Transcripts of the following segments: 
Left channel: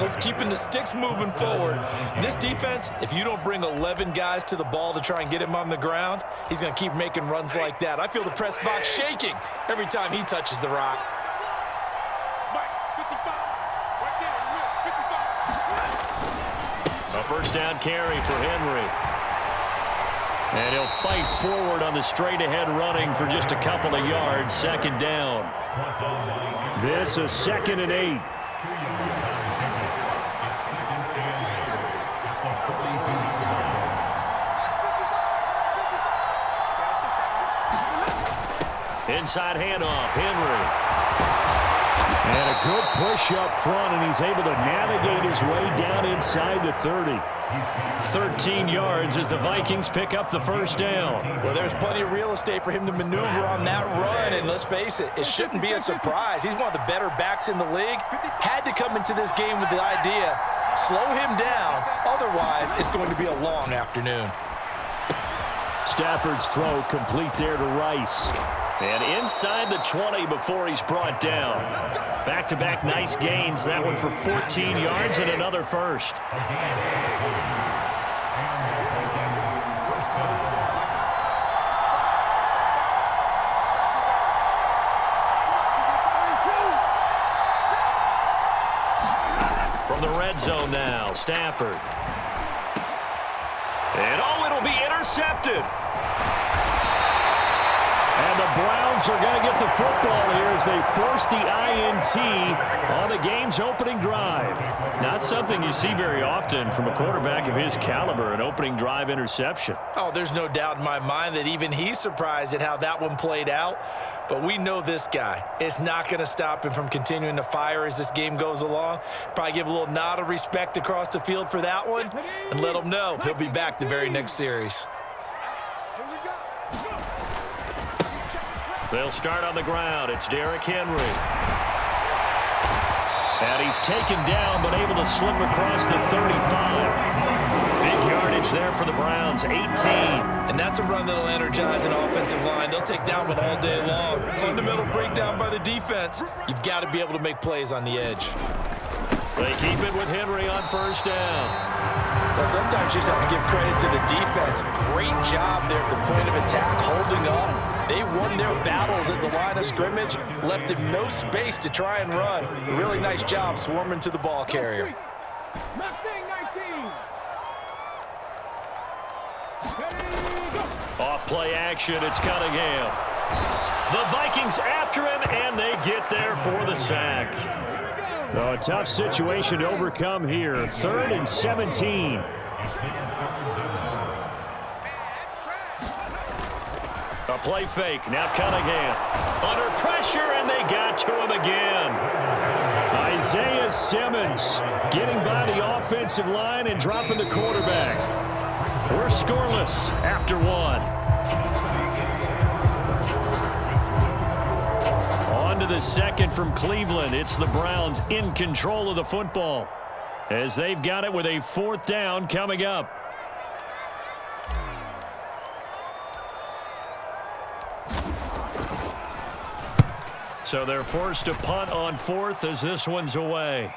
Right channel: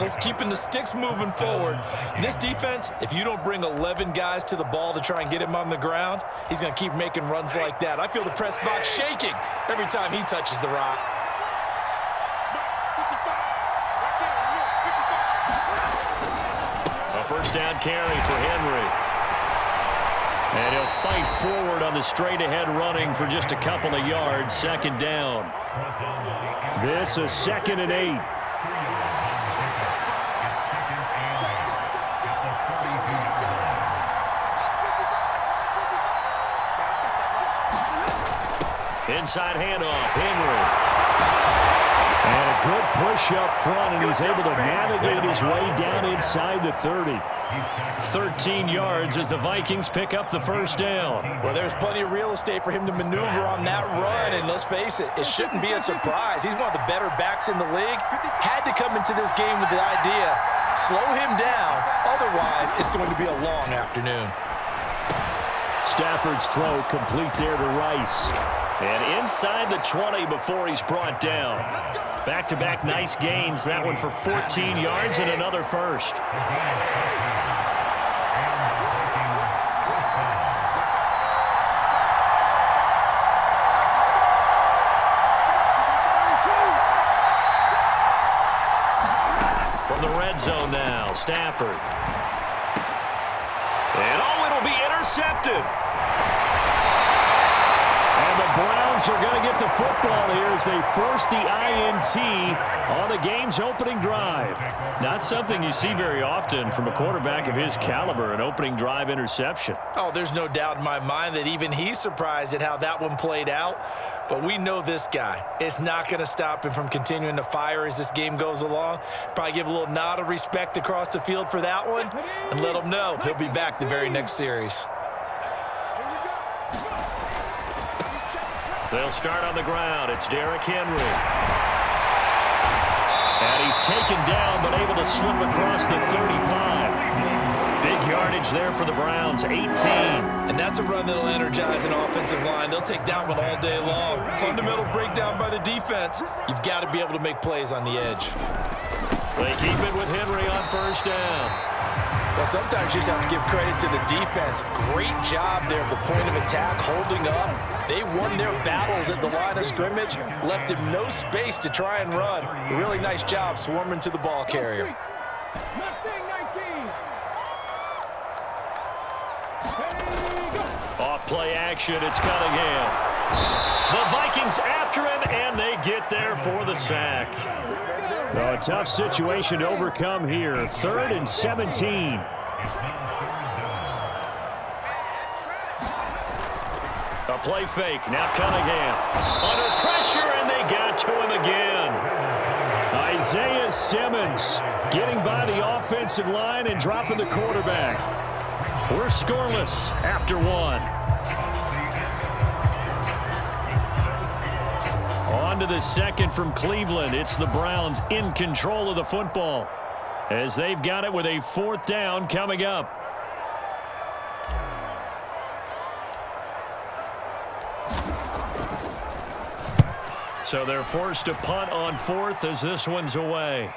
tackles, keeping the sticks moving forward. This defense, if you don't bring 11 guys to the ball to try and get him on the ground, he's going to keep making runs like that. I feel the press box shaking every time he touches the rock. A first down carry for Henry. And he'll fight forward on the straight-ahead running for just a couple of yards. Second down. This is 2nd and 8. Inside handoff, Henry. And a good push up front, and he's able to navigate his way down inside the 30. 13 yards as the Vikings pick up the first down. Well, there's plenty of real estate for him to maneuver on that run, and let's face it, it shouldn't be a surprise. He's one of the better backs in the league. Had to come into this game with the idea, slow him down, otherwise it's going to be a long afternoon. Stafford's throw complete there to Rice. And inside the 20 before he's brought down. Back-to-back nice gains. That one for 14 yards and another first. From the red zone now, Stafford. And oh, it'll be intercepted. And the Browns are going to get the football here as they force the INT on the game's opening drive. Not something you see very often from a quarterback of his caliber, an opening drive interception. Oh, there's no doubt in my mind that even he's surprised at how that one played out. But we know this guy. It's not going to stop him from continuing to fire as this game goes along. Probably give a little nod of respect across the field for that one and let him know he'll be back the very next series. They'll start on the ground. It's Derrick Henry. And he's taken down but able to slip across the 35. Big yardage there for the Browns, 18. And that's a run that'll energize an offensive line. They'll take that one all day long. Fundamental breakdown by the defense. You've got to be able to make plays on the edge. They keep it with Henry on first down. Well, sometimes you just have to give credit to the defense. Great job there at the point of attack, holding up. They won their battles at the line of scrimmage, left him no space to try and run. Really nice job swarming to the ball carrier. Off play action, it's Cunningham. The Vikings after him, and they get there for the sack. A tough situation to overcome here. 3rd and 17. A play fake. Now Cunningham. Under pressure, and they got to him again. Isaiah Simmons getting by the offensive line and dropping the quarterback. We're scoreless after one. On to the second from Cleveland. It's the Browns in control of the football as they've got it with a 4th down coming up. So they're forced to punt on 4th as this one's away.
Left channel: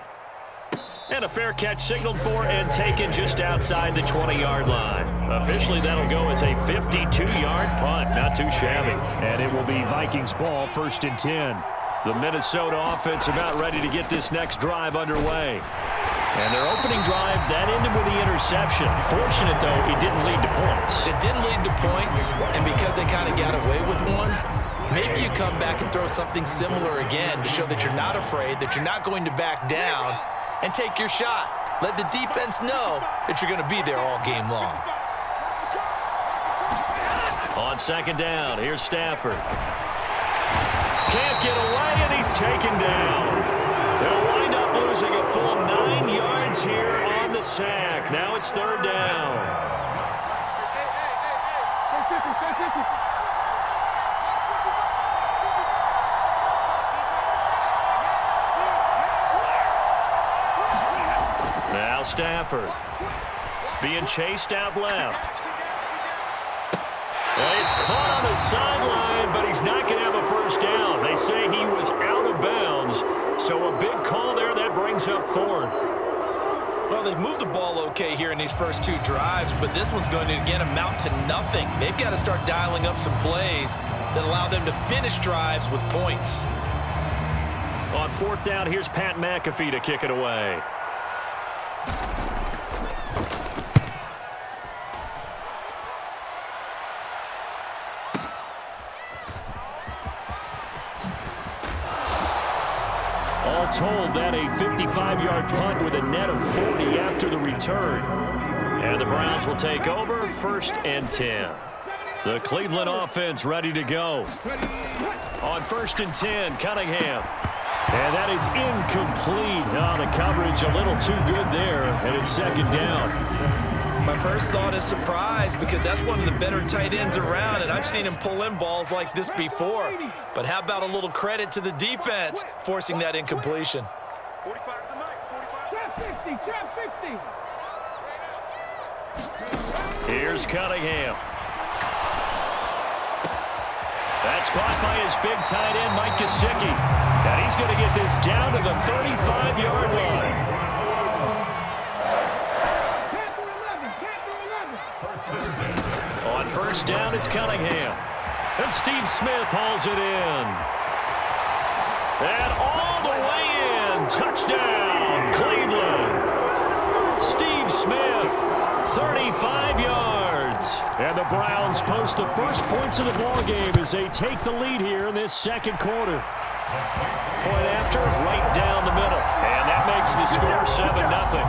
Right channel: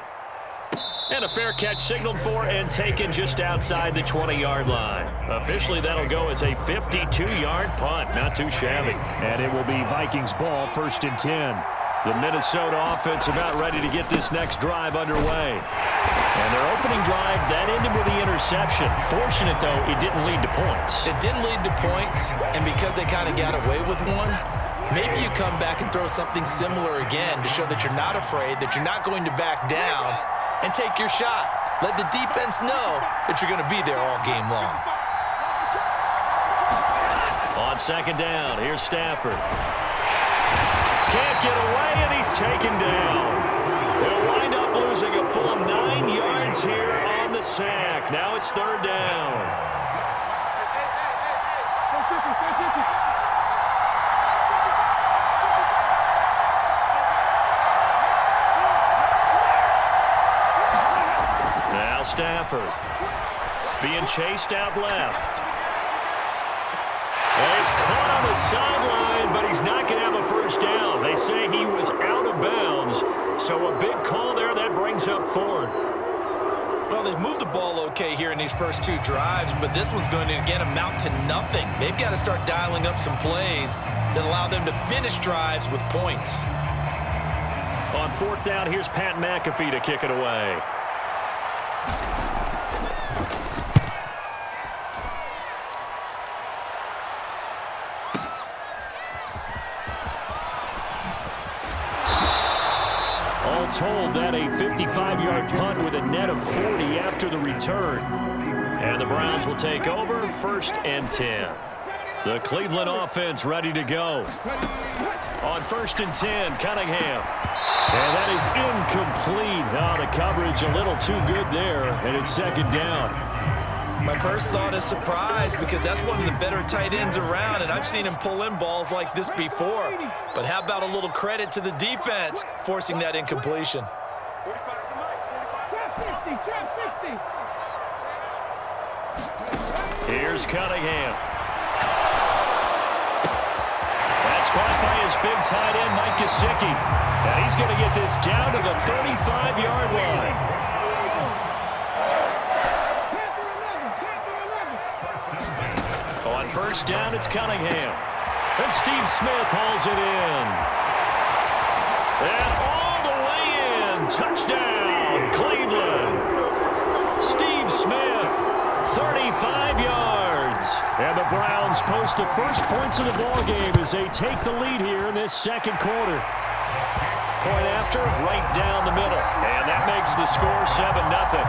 And a fair catch signaled for and taken just outside the 20-yard line. Officially, that'll go as a 52-yard punt. Not too shabby. And it will be Vikings ball, 1st and 10. The Minnesota offense about ready to get this next drive underway. And their opening drive, that ended with the interception. Fortunate, though, it didn't lead to points. It didn't lead to points, and because they kind of got away with one, maybe you come back and throw something similar again to show that you're not afraid, that you're not going to back down, and take your shot. Let the defense know that you're going to be there all game long. On second down, here's Stafford. Can't get away, and he's taken down. They'll wind up losing a full 9 yards here on the sack. Now it's 3rd down. Now Stafford being chased out left. Well, he's caught on the sideline, but he's not going to have a first down. They say he was out of bounds, so a big call there that brings up 4th. Well, they've moved the ball okay here in these first two drives, but this one's going to, again, amount to nothing. They've got to start dialing up some plays that allow them to finish drives with points. On fourth down, here's Pat McAfee to kick it away. All told, that a 55-yard punt with a net of 40 after the return. And the Browns will take over, 1st and 10. The Cleveland offense ready to go. On 1st and 10, Cunningham. And that is incomplete. Oh, the coverage a little too good there, and it's 2nd down. My first thought is surprise, because that's one of the better tight ends around, and I've seen him pull in balls like this before. But how about a little credit to the defense forcing that incompletion? 45 to Mike. 45. Trap 60. Here's Cunningham. That's caught by his big tight end, Mike Gesicki. And he's going to get this down to the 35-yard line. On 1st down, it's Cunningham. And Steve Smith hauls it in. And all the way in. Touchdown, Cleveland. Steve Smith, 35 yards. And the Browns post the first points of the ballgame as they take the lead here in this 2nd quarter. Point after, right down the middle. And that makes the score 7-0.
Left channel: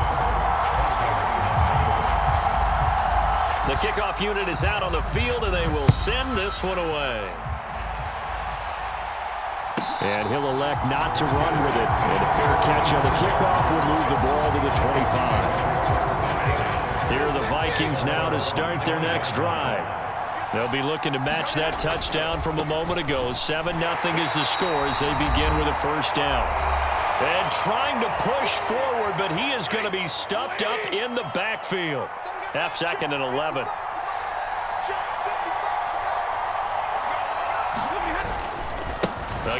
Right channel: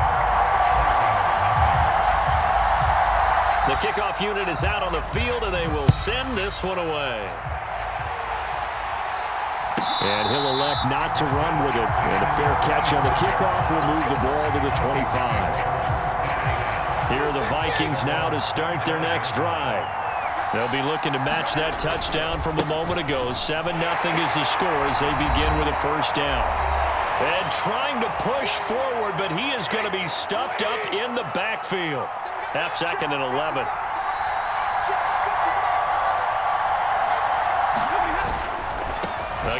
The kickoff unit is out on the field, and they will send this one away. And he'll elect not to run with it. And a fair catch on the kickoff will move the ball to the 25. Here are the Vikings now to start their next drive. They'll be looking to match that touchdown from a moment ago. 7-0 is the score as they begin with a 1st down. And trying to push forward, but he is going to be stuffed up in the backfield. 2nd and 11.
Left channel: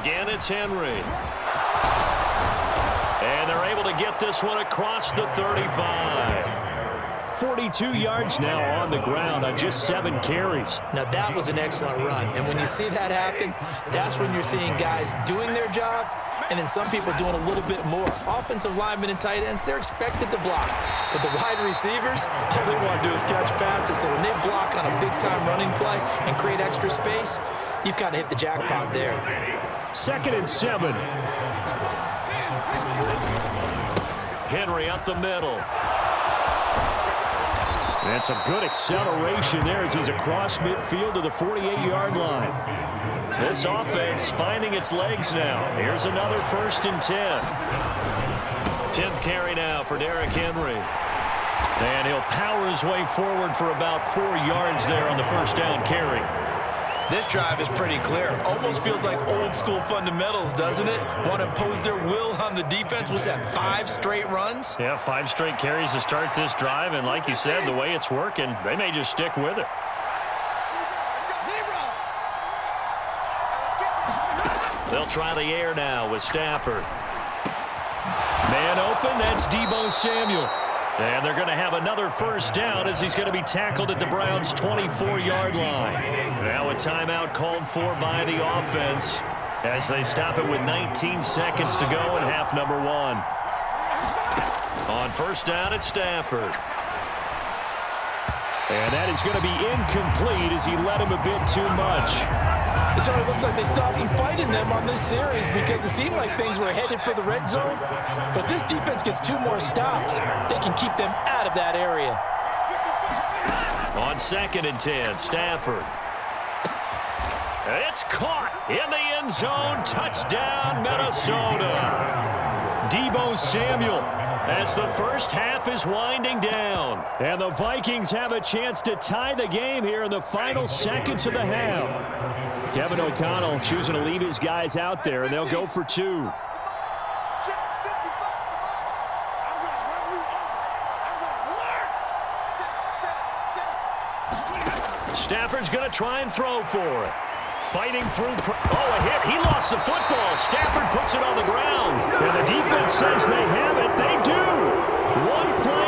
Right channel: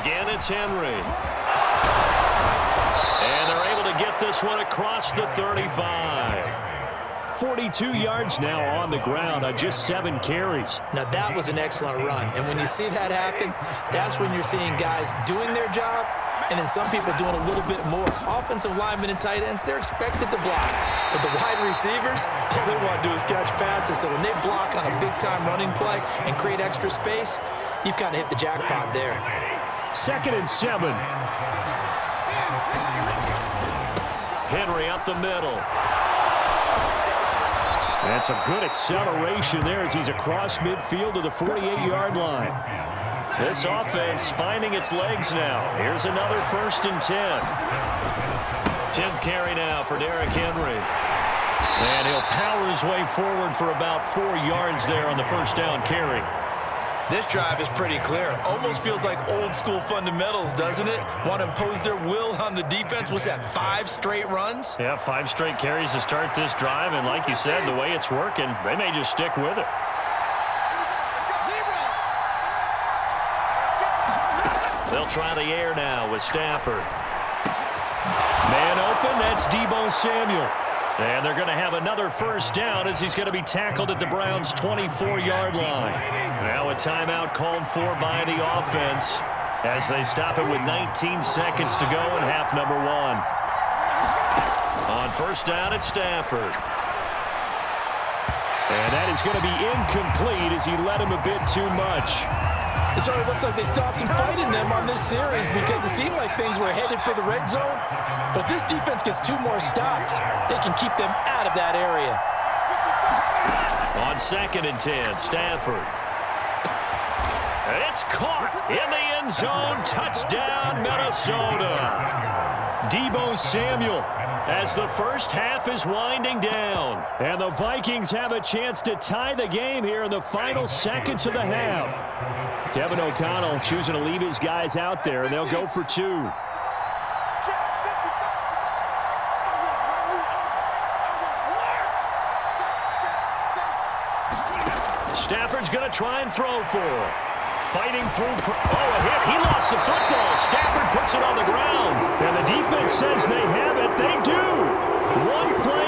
Again, it's Henry. And they're able to get this one across the 35. 42 yards now on the ground on just 7 carries. Now, that was an excellent run. And when you see that happen, that's when you're seeing guys doing their job and then some people doing a little bit more. Offensive linemen and tight ends, they're expected to block. But the wide receivers, all they want to do is catch passes. So when they block on a big-time running play and create extra space, you've kind of hit the jackpot there. 2nd and 7. Henry up the middle. That's a good acceleration there as he's across midfield to the 48-yard line. This offense finding its legs now. Here's another 1st and 10. 10th carry now for Derrick Henry. And he'll power his way forward for about 4 yards there on the 1st down carry. This drive is pretty clear. Almost feels like old-school fundamentals, doesn't it? Want to impose their will on the defense. Was that 5 straight runs? Yeah, 5 straight carries to start this drive. And like you said, the way it's working, they may just stick with it. They'll try the air now with Stafford. Man open, that's Deebo Samuel. And they're going to have another 1st down as he's going to be tackled at the Browns' 24-yard line. Now a timeout called for by the offense as they stop it with 19 seconds to go in half number 1. On 1st down, it's Stafford. And that is going to be incomplete as he led him a bit too much. It certainly looks like they stopped some fight in them on this series because it seemed like things were headed for the red zone. But if this defense gets 2 more stops, they can keep them out of that area. On 2nd and 10, Stafford. It's caught in the end zone. Touchdown, Minnesota. Deebo Samuel as the first half is winding down. And the Vikings have a chance to tie the game here in the final seconds of the half. Kevin O'Connell choosing to leave his guys out there, and they'll go for 2. Stafford's going to try and throw for it. Fighting through. Oh, a hit. He lost the football. Stafford puts it on the ground. And the defense says they have it. They do. One play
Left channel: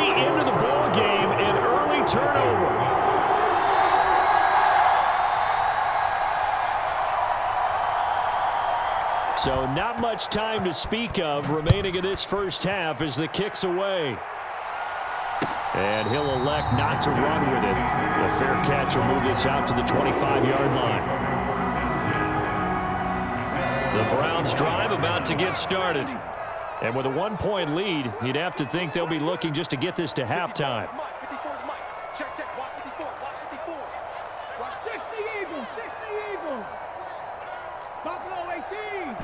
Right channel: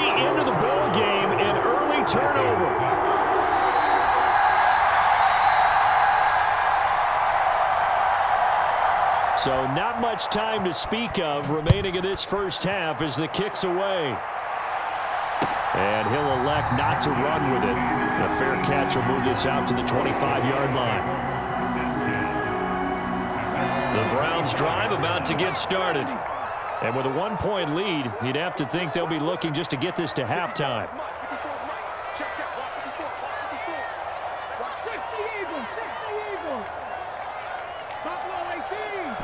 So not much time to speak of remaining in this first half as the kick's away. And he'll elect not to run with it. A fair catch will move this out to the 25-yard line. The Browns drive about to get started. And with a 1-point lead, you'd have to think they'll be looking just to get this to halftime. Check, check. Watch 54. Watch 54. Watch 60 Eagles. 60 Eagles. Buffalo 18.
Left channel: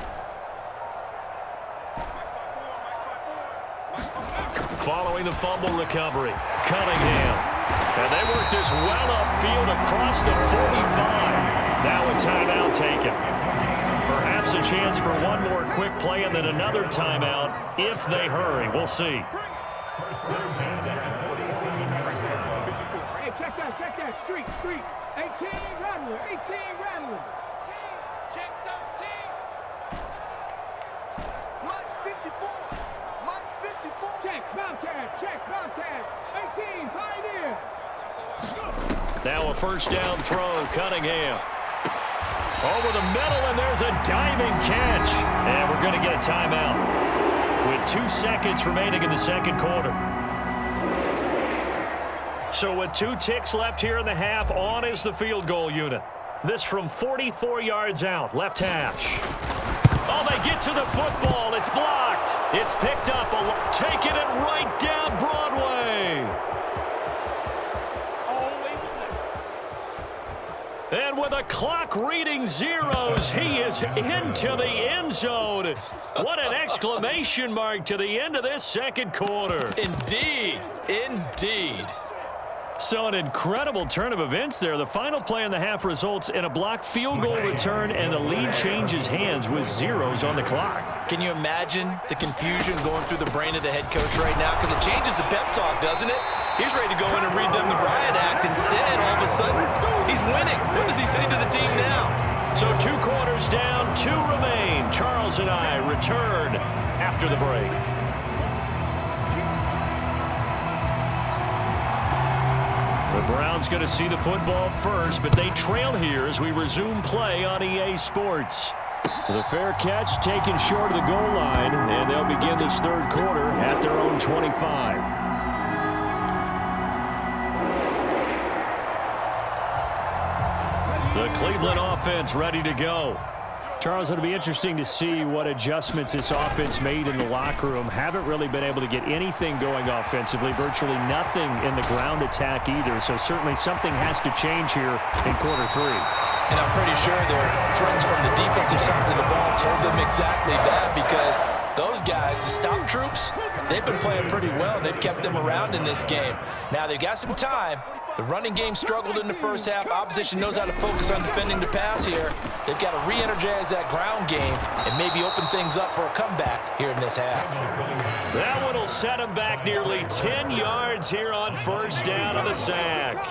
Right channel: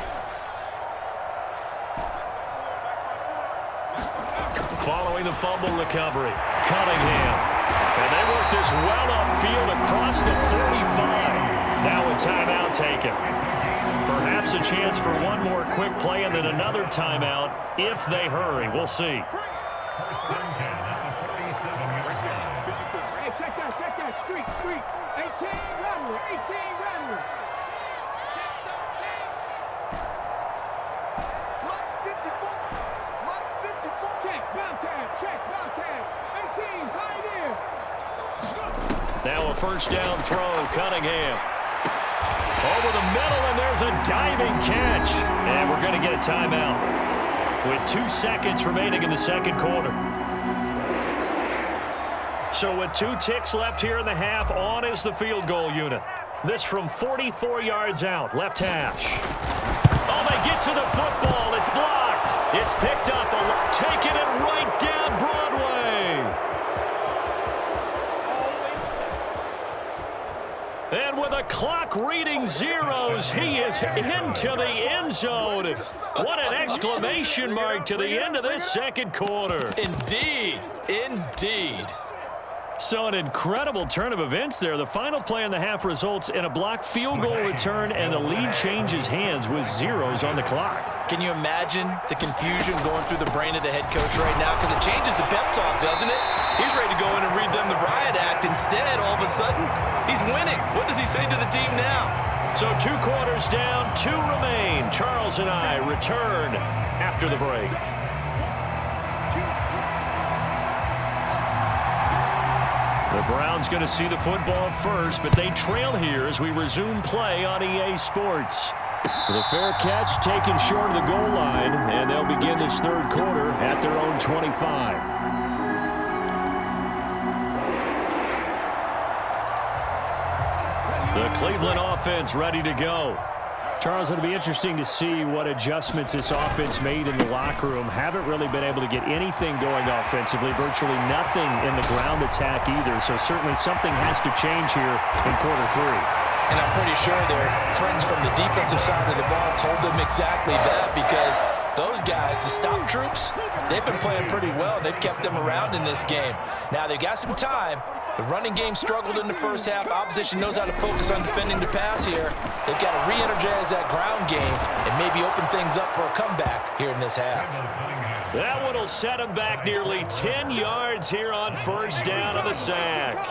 Following the fumble recovery, Cunningham. And they work this well upfield across the 45. Now a timeout taken. Perhaps a chance for one more quick play and then another timeout if they hurry. We'll see. Hey, check that. Street. 18 Rattler. Check 13. Mike 54. Check Bobcat. 18 Pioneer. Now a first down throw, Cunningham. Over the middle, and there's a diving catch. And we're going to get a timeout with 2 seconds remaining in the second quarter. So with 2 ticks left here in the half, on is the field goal unit. This from 44 yards out, left hash. Oh, they get to the football. It's blocked. It's picked up, taking it right down Broadway. And with a clock reading zeros, he is into the end zone. What an exclamation mark to the end of this second quarter. Indeed. So an incredible turn of events there. The final play in the half results in a blocked field goal return, and the lead changes hands with zeros on the clock. Can you imagine the confusion going through the brain of the head coach right now? Because it changes the pep talk, doesn't it? He's ready to go in and read them the riot act. Instead, all of a sudden, he's winning. What does he say to the team now? So 2 quarters down, 2 remain. Charles and I return after the break. The Browns going to see the football first, but they trail here as we resume play on EA Sports. The fair catch taken short of the goal line, and they'll begin this third quarter at their own 25. The Cleveland offense ready to go. Charles, it'll be interesting to see what adjustments this offense made in the locker room. Haven't really been able to get anything going offensively, virtually nothing in the ground attack either. So certainly something has to change here in quarter 3. And I'm pretty sure their friends from the defensive side of the ball told them exactly that, because those guys, the stop troops, they've been playing pretty well. They've kept them around in this game. Now they've got some time. The running game struggled in the first half. Opposition knows how to focus on defending the pass here. They've got to re-energize that ground game and maybe open things up for a comeback here in this half. That one will set him back nearly 10 yards here on first down on the sack.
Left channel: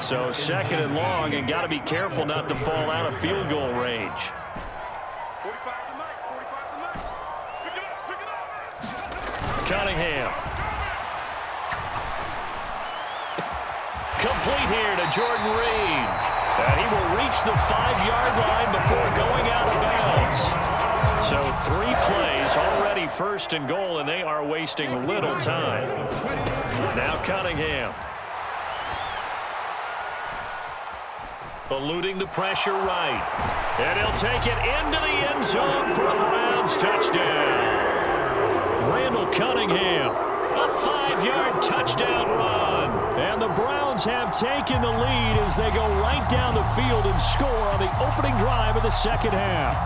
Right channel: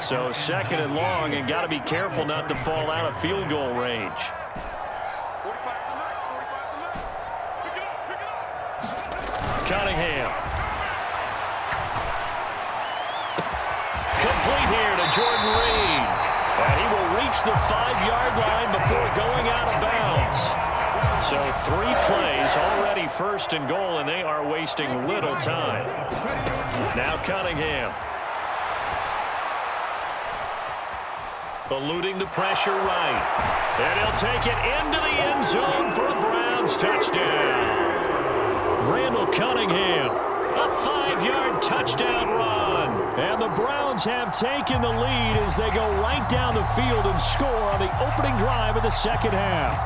So second and long, and got to be careful not to fall out of field goal range. 45 to Mike. Pick it up. Cunningham. Complete here to Jordan Reed. And he will reach the 5-yard line before going out of bounds. So 3 plays already first and goal, and they are wasting little time. Now Cunningham. Eluding the pressure right. And he'll take it into the end zone for a Browns touchdown. Randall Cunningham, a 5-yard touchdown run. And the Browns have taken the lead as they go right down the field and score on the opening drive of the second half.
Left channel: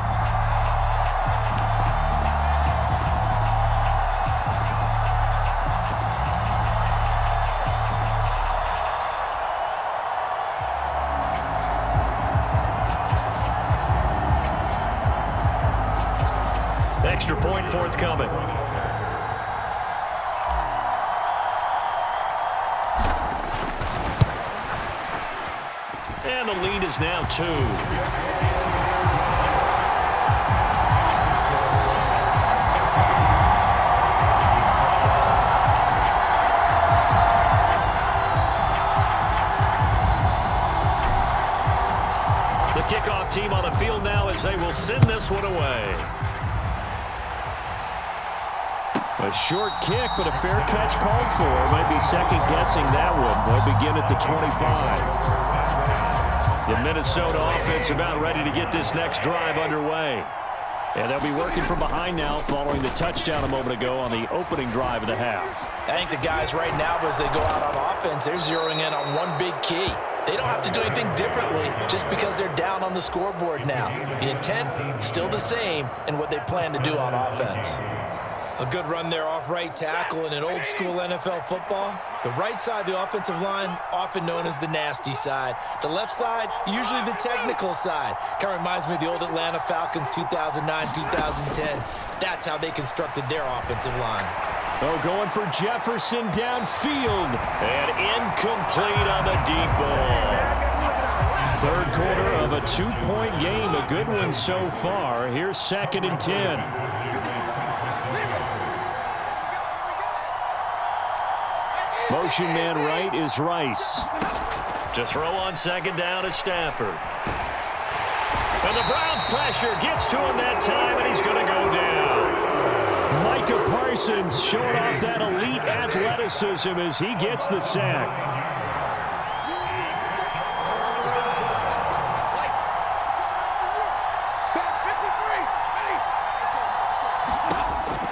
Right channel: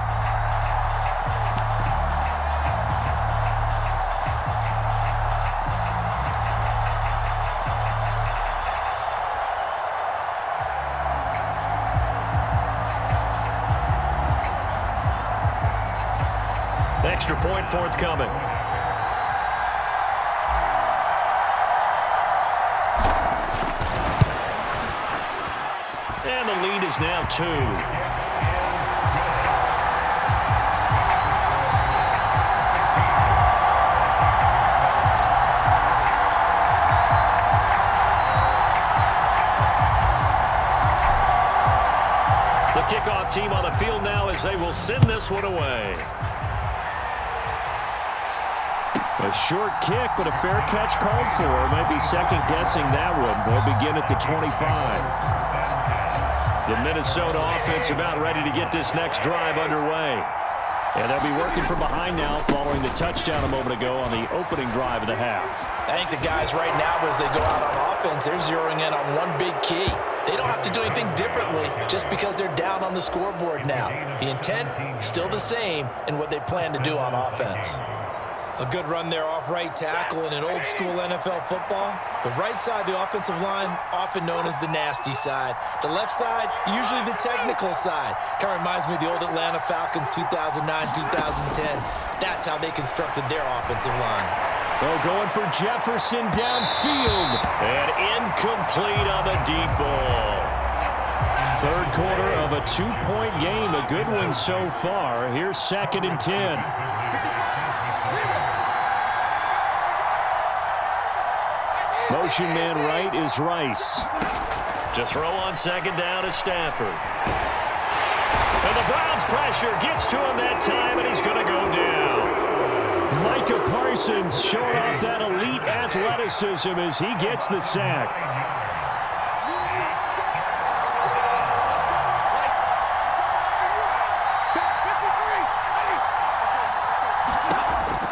Extra point forthcoming. And the lead is now 2. The kickoff team on the field now as they will send this one away. A short kick, but a fair catch called for. Might be second-guessing that one. They'll begin at the 25. The Minnesota offense about ready to get this next drive underway. And they'll be working from behind now following the touchdown a moment ago on the opening drive of the half. I think the guys right now, as they go out on offense, they're zeroing in on one big key. They don't have to do anything differently just because they're down on the scoreboard now. The intent, still the same in what they plan to do on offense. A good run there off right tackle in an old school NFL football. The right side of the offensive line, often known as the nasty side. The left side, usually the technical side. Kind of reminds me of the old Atlanta Falcons 2009-2010. That's how they constructed their offensive line. Oh, going for Jefferson downfield. And incomplete on the deep ball. Third quarter of a 2-point game. A good one so far. Here's 2nd and 10. Motion man right is Rice. To throw on 2nd down is Stafford. And the Browns pressure gets to him that time, and he's going to go down. Micah Parsons showing off that elite athleticism as he gets the sack.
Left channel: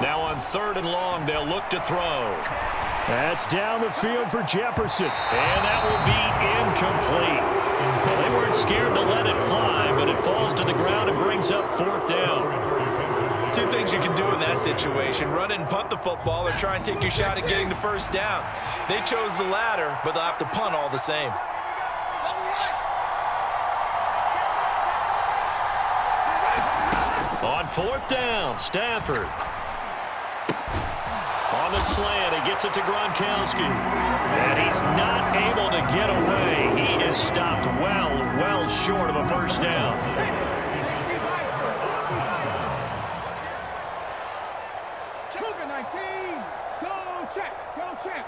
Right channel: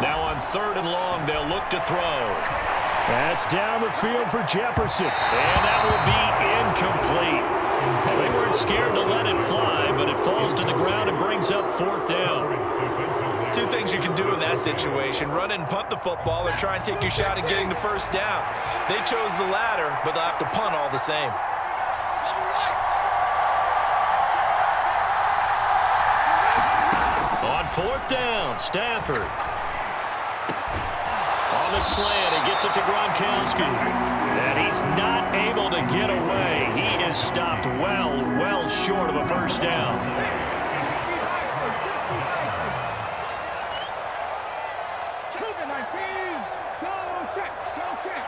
Now on 3rd and long, they'll look to throw. That's down the field for Jefferson. And that will be incomplete. Well, they weren't scared to let it fly, but it falls to the ground and brings up 4th down. Two things you can do in that situation: run and punt the football, or try and take your shot at getting the first down. They chose the latter, but they'll have to punt all the same. On 4th down, Stafford. On the slant, he gets it to Gronkowski. And he's not able to get away. He is stopped well short of a first down. Cougar 19. Go check. Go check.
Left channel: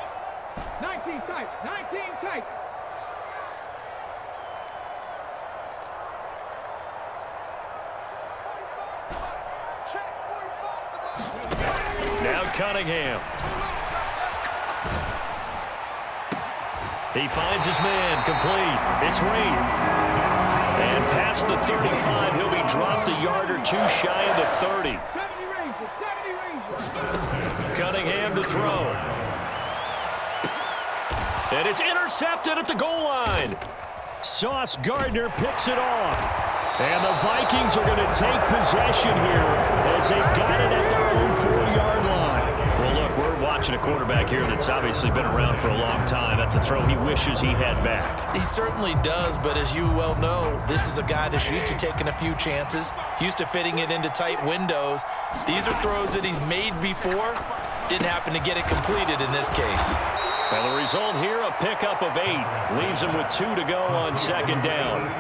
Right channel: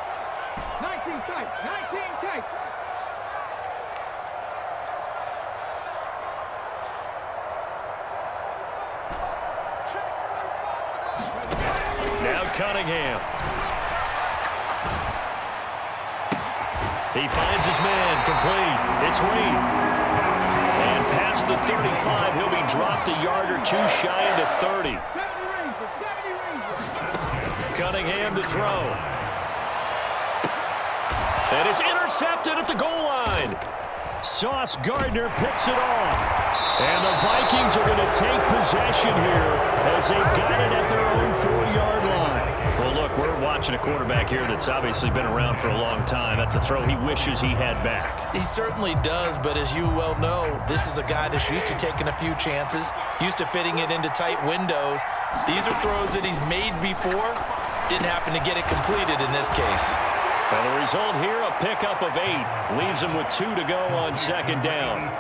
19 tight. 19 tight. Now Cunningham. He finds his man, complete. It's Reed. And past the 35, he'll be dropped a yard or two shy of the 30. 70 Rangers. Cunningham to throw. And it's intercepted at the goal line. Sauce Gardner picks it off. And the Vikings are going to take possession here as they've got it at their own 4-yard line. Well, look, we're watching a quarterback here that's obviously been around for a long time. That's a throw he wishes he had back. He certainly does, but as you well know, this is a guy that's used to taking a few chances, used to fitting it into tight windows. These are throws that he's made before. Didn't happen to get it completed in this case. Well, the result here, a pickup of 8. Leaves him with 2 to go on 2nd down.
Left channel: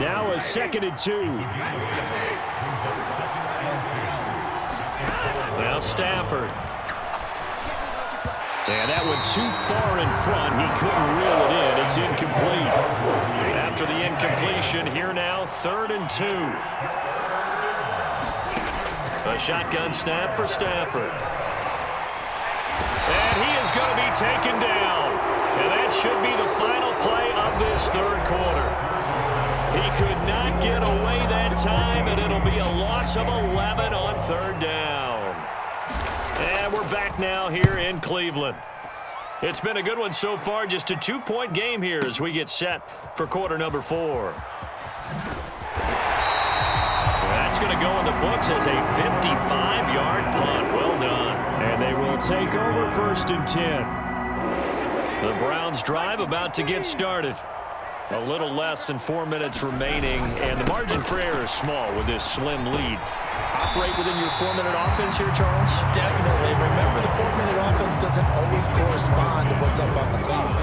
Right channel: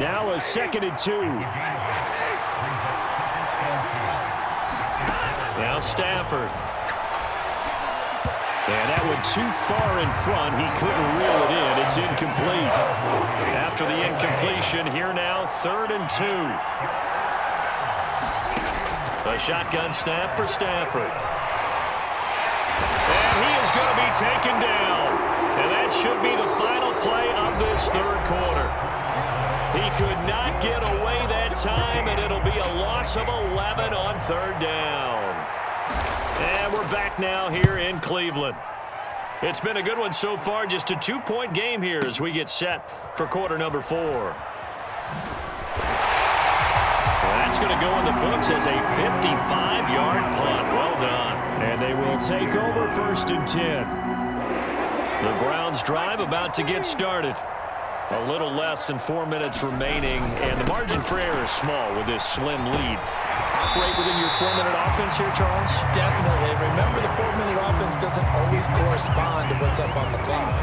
Now a 2nd and 2. Now Stafford. And that went too far in front. He couldn't reel it in. It's incomplete. After the incompletion, here now, 3rd and 2. A shotgun snap for Stafford. And he is going to be taken down. And that should be the final play of this 3rd quarter. He could not get away that time, and it'll be a loss of 11 on 3rd down. And we're back now here in Cleveland. It's been a good one so far, just a 2-point game here as we get set for quarter number 4. That's going to go in the books as a 55-yard punt. Well done. And they will take over 1st and 10. The Browns drive about to get started. A little less than 4 minutes remaining, and the margin for error is small with this slim lead. Operate within your 4-minute offense here, Charles? Definitely. Remember, the 4-minute offense doesn't always correspond to what's up on the clock.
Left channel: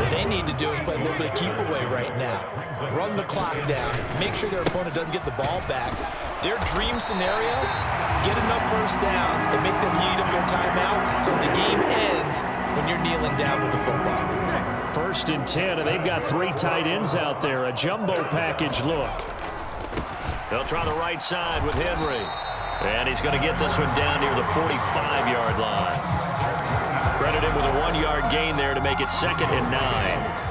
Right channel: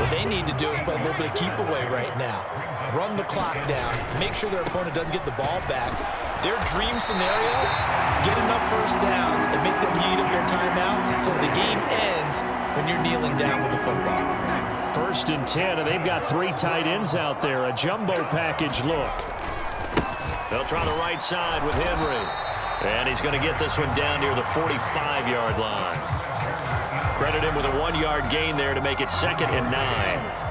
What they need to do is play a little bit of keep away right now. Run the clock down. Make sure their opponent doesn't get the ball back. Their dream scenario, get enough first downs and make them eat up their timeouts so the game ends when you're kneeling down with the football. 1st and 10, and they've got 3 tight ends out there. A jumbo package look. They'll try the right side with Henry. And he's going to get this one down near the 45-yard line. Credit him with a 1-yard gain there to make it 2nd and 9.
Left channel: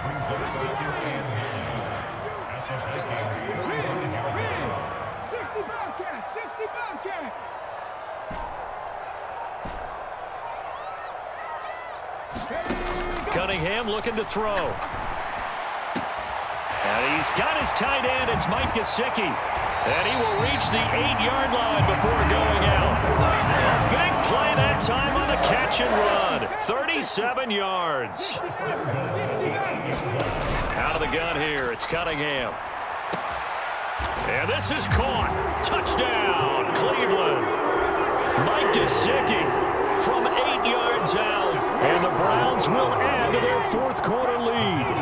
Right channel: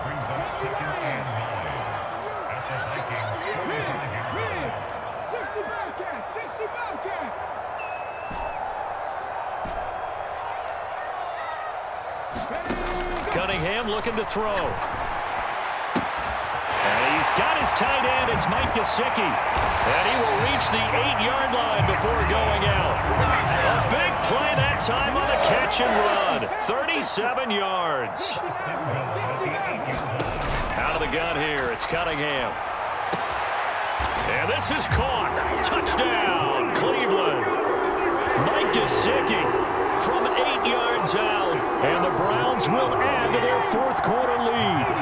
Cunningham looking to throw. And he's got his tight end. It's Mike Gesicki. And he will reach the 8-yard line before going out. A big play that time on the catch and run. 37 yards. Out of the gun here, it's Cunningham. And this is caught. Touchdown, Cleveland. Mike Gesicki from 8 yards out. And the Browns will add to their 4th quarter lead.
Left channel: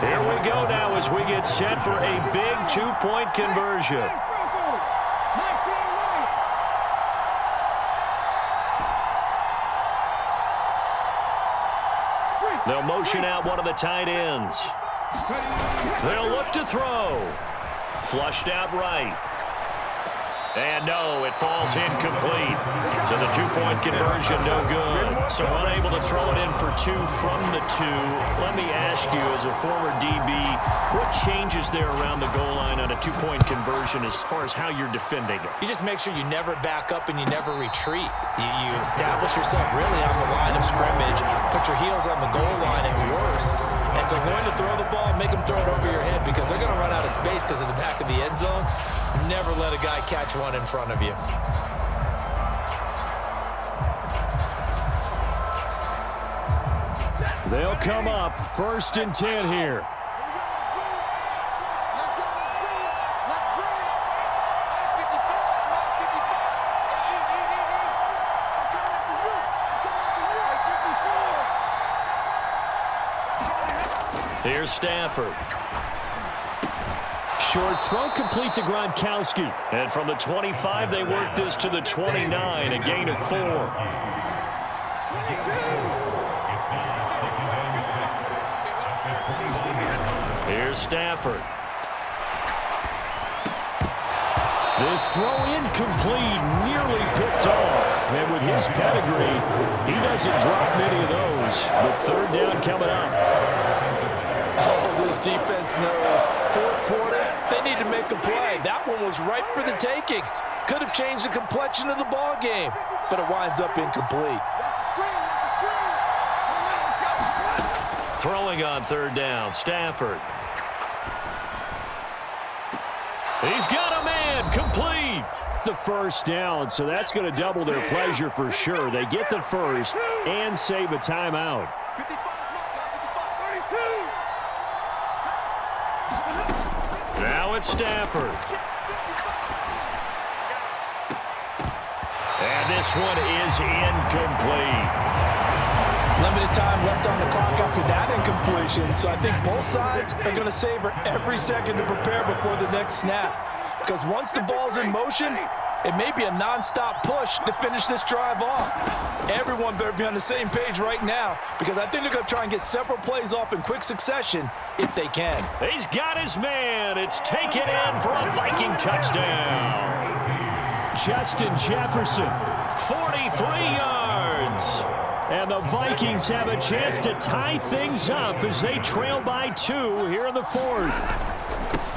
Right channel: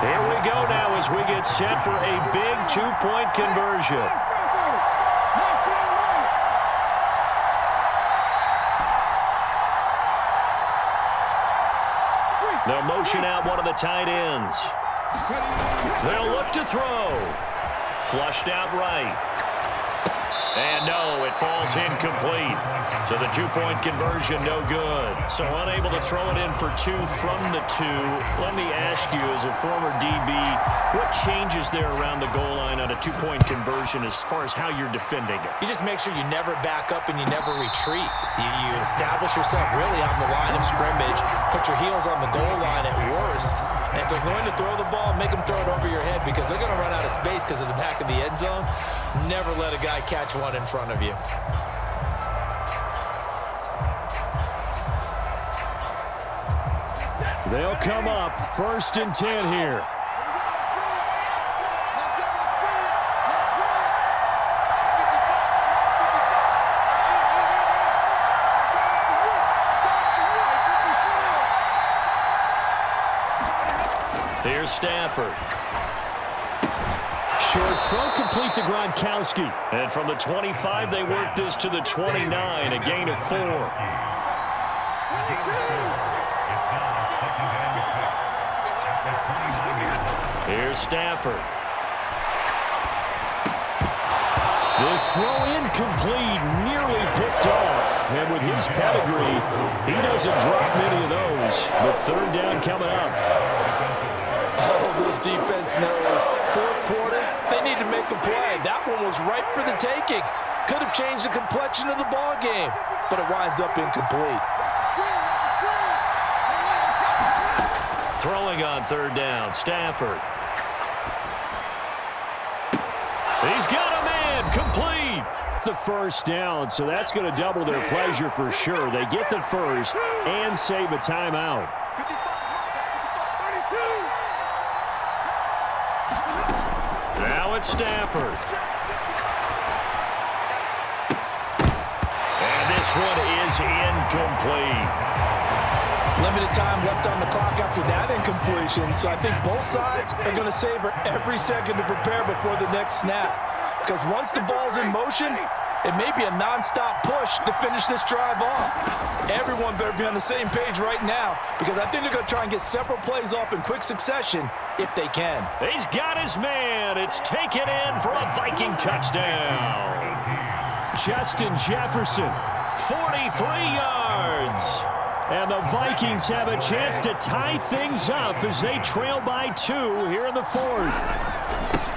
Here we go now as we get set for a big 2-point conversion. They'll motion out one of the tight ends. They'll look to throw. Flushed out right. And no, it falls incomplete. So the 2-point conversion, no good. So unable to throw it in for 2 from the 2. Let me ask you, as a former DB, what changes there around the goal line on a 2-point conversion as far as how you're defending it? You just make sure you never back up and you never retreat. You establish yourself really on the line of scrimmage, put your heels on the goal line at worst, and if they're going to throw the ball, make them throw it over your head because they're going to run out of space because of the back of the end zone. Never let a guy catch one in front of you. They'll come up 1st and 10 here. Here's Stafford. Short throw complete to Gronkowski. And from the 25, they work this to the 29, a gain of 4. Here's Stafford. This throw incomplete, nearly picked off. And with his pedigree, he doesn't drop many of those. But 3rd down coming up. Oh, this defense knows. 4th quarter, they need to make a play. That one was ripe for the taking. Could have changed the complexion of the ball game, but it winds up incomplete. Throwing on 3rd down, Stafford. He's got a man, complete. It's the 1st down, so that's going to double their pleasure for sure. They get the 1st and save a timeout. Now it's Stafford. And this one is incomplete. Limited time left on the clock after that incompletion, so I think both sides are going to savor every second to prepare before the next snap. Because once the ball's in motion, it may be a non-stop push to finish this drive off. Everyone better be on the same page right now because I think they're going to try and get several plays off in quick succession if they can. He's got his man. It's taken in for a Viking touchdown. Justin Jefferson, 43 yards. And the Vikings have a chance to tie things up as they trail by 2 here in the 4th.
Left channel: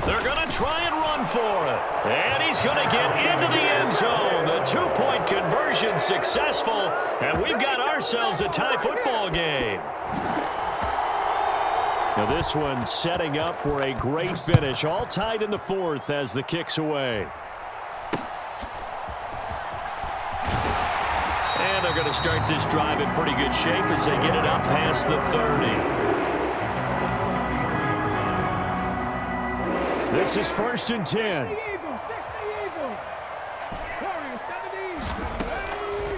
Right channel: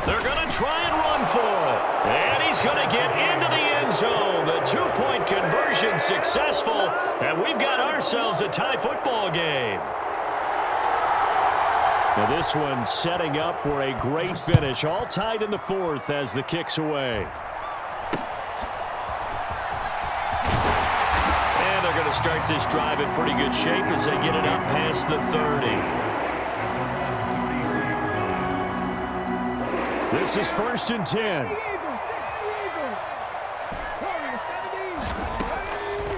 They're going to try and run for it. And he's going to get into the end zone. The 2-point conversion successful. And we've got ourselves a tie football game. Now this one setting up for a great finish. All tied in the 4th as the kick's away. And they're going to start this drive in pretty good shape as they get it up past the 30. This is 1st and 10.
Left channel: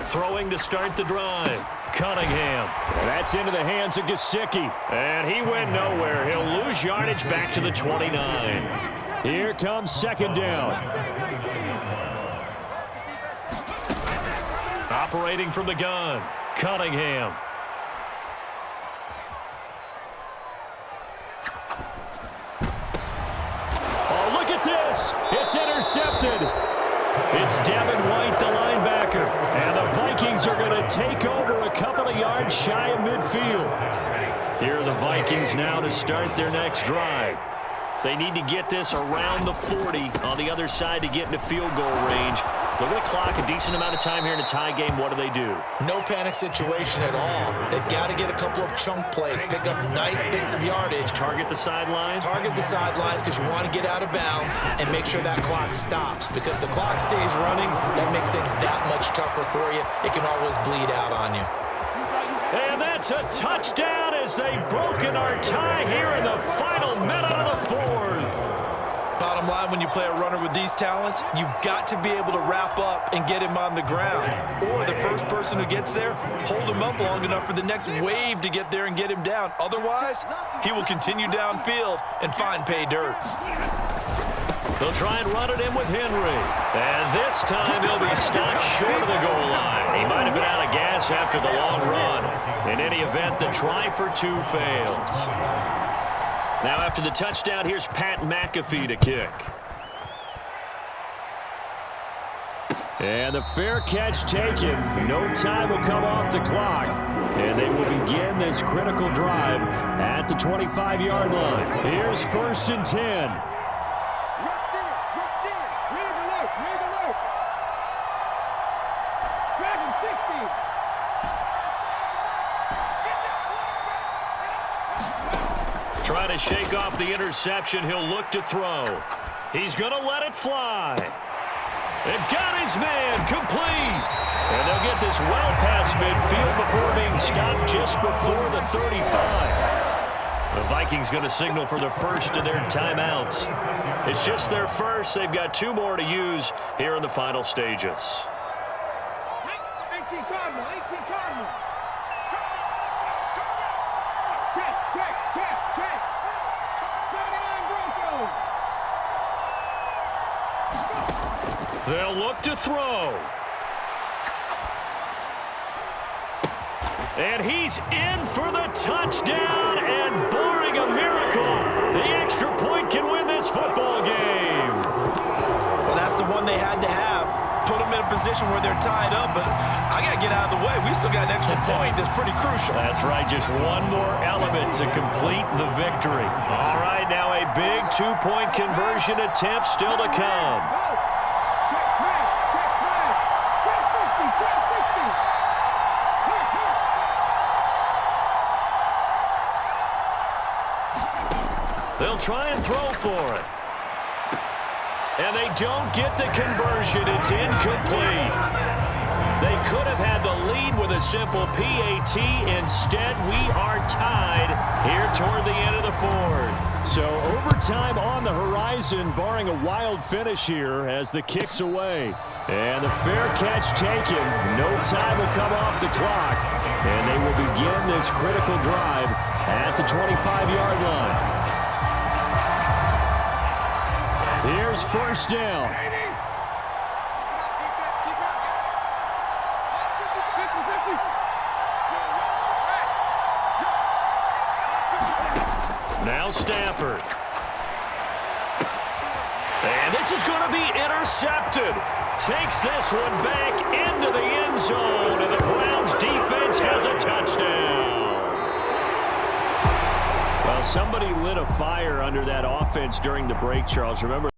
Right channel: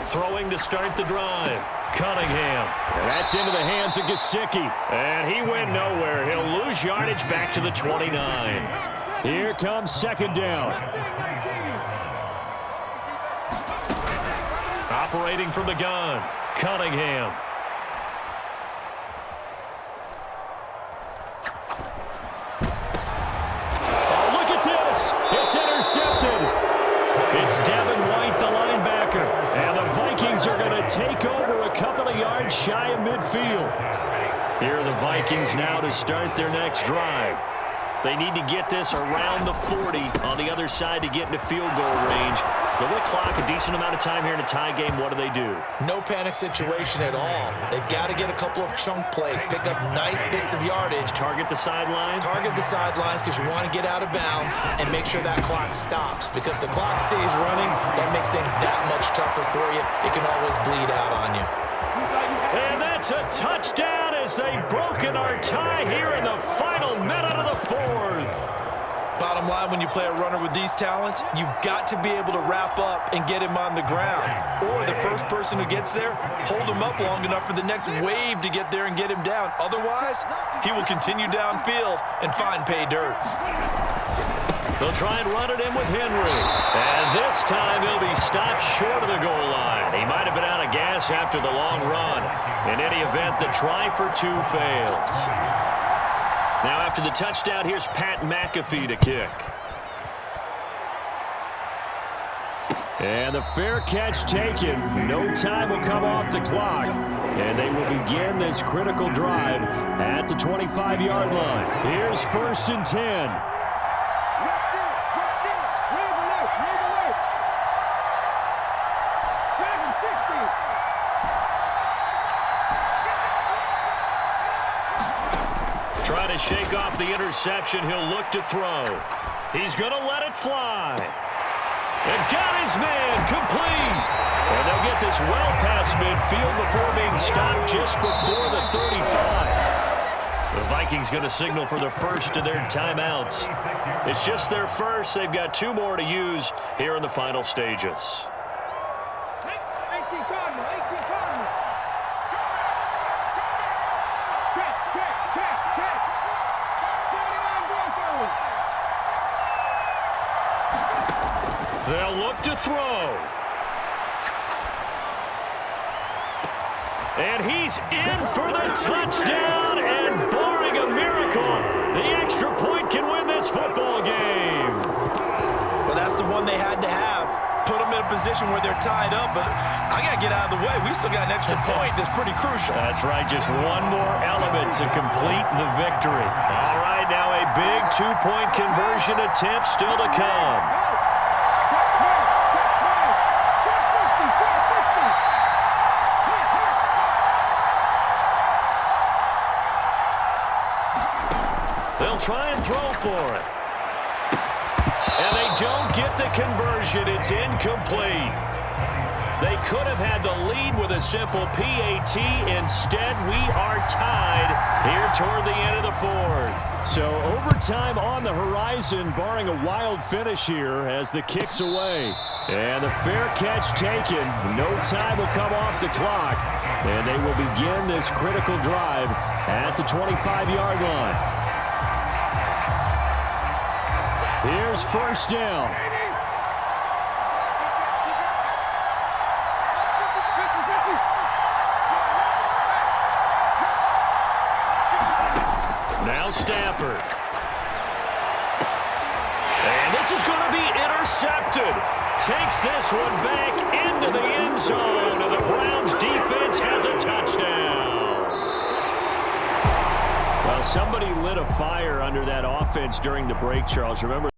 Throwing to start the drive. Cunningham. And that's into the hands of Gesicki. And he went nowhere. He'll lose yardage back to the 29. Here comes 2nd down. Operating from the gun. Cunningham. It's intercepted. It's Devin White, the linebacker. And the Vikings are going to take over a couple of yards shy of midfield. Here are the Vikings now to start their next drive. They need to get this around the 40 on the other side to get into field goal range. They're going to clock a decent amount of time here in a tie game. What do? No panic situation at all. They've got to get a couple of chunk plays, pick up nice bits of yardage. Target the sidelines? Target the sidelines because you want to get out of bounds and make sure that clock stops. Because if the clock stays running, that makes things that much tougher for you. It can always bleed out on you. And that's a touchdown as they've broken our tie here in the final minute of the fourth. Bottom line, when you play a runner with these talents, you've got to be able to wrap up and get him on the ground. Or the first person who gets there, hold him up long enough for the next wave to get there and get him down. Otherwise, he will continue downfield and find pay dirt. They'll try and run it in with Henry. And this time he'll be stopped short of the goal line. He might have been out of gas after the long run. In any event, the try for two fails. Now after the touchdown, here's Pat McAfee to kick. And the fair catch taken. No time will come off the clock. And they will begin this critical drive at the 25-yard line. Here's 1st and 10. Trying to shake off the interception. He'll look to throw. He's going to let it fly. And got his man complete. And they'll get this well past midfield before being stopped just before the 35. The Vikings going to signal for the first of their timeouts. It's just their first. They've got 2 more to use here in the final stages. 18 Cardinal, 18 Cardinal. Check. 79 Broncos. They'll look to throw. And he's in for the touchdown, and barring a miracle, the extra point can win this football game. Well, that's the one they had to have. Put them in a position where they're tied up, but I got to get out of the way. We still got an extra point that's pretty crucial. That's right, just one more element to complete the victory. All right, now a big 2-point conversion attempt still to come. They'll try and throw for it. And they don't get the conversion. It's incomplete. They could have had the lead with a simple PAT. Instead, we are tied here toward the end of the fourth. So overtime on the horizon, barring a wild finish here as the kick's away. And the fair catch taken. No time will come off the clock. And they will begin this critical drive at the 25-yard line. Here's 1st down. Now Stafford. And this is going to be intercepted. Takes this one back into the end zone, and the Browns defense has a touchdown. Well, somebody lit a fire under that offense during the break, Charles. Remember,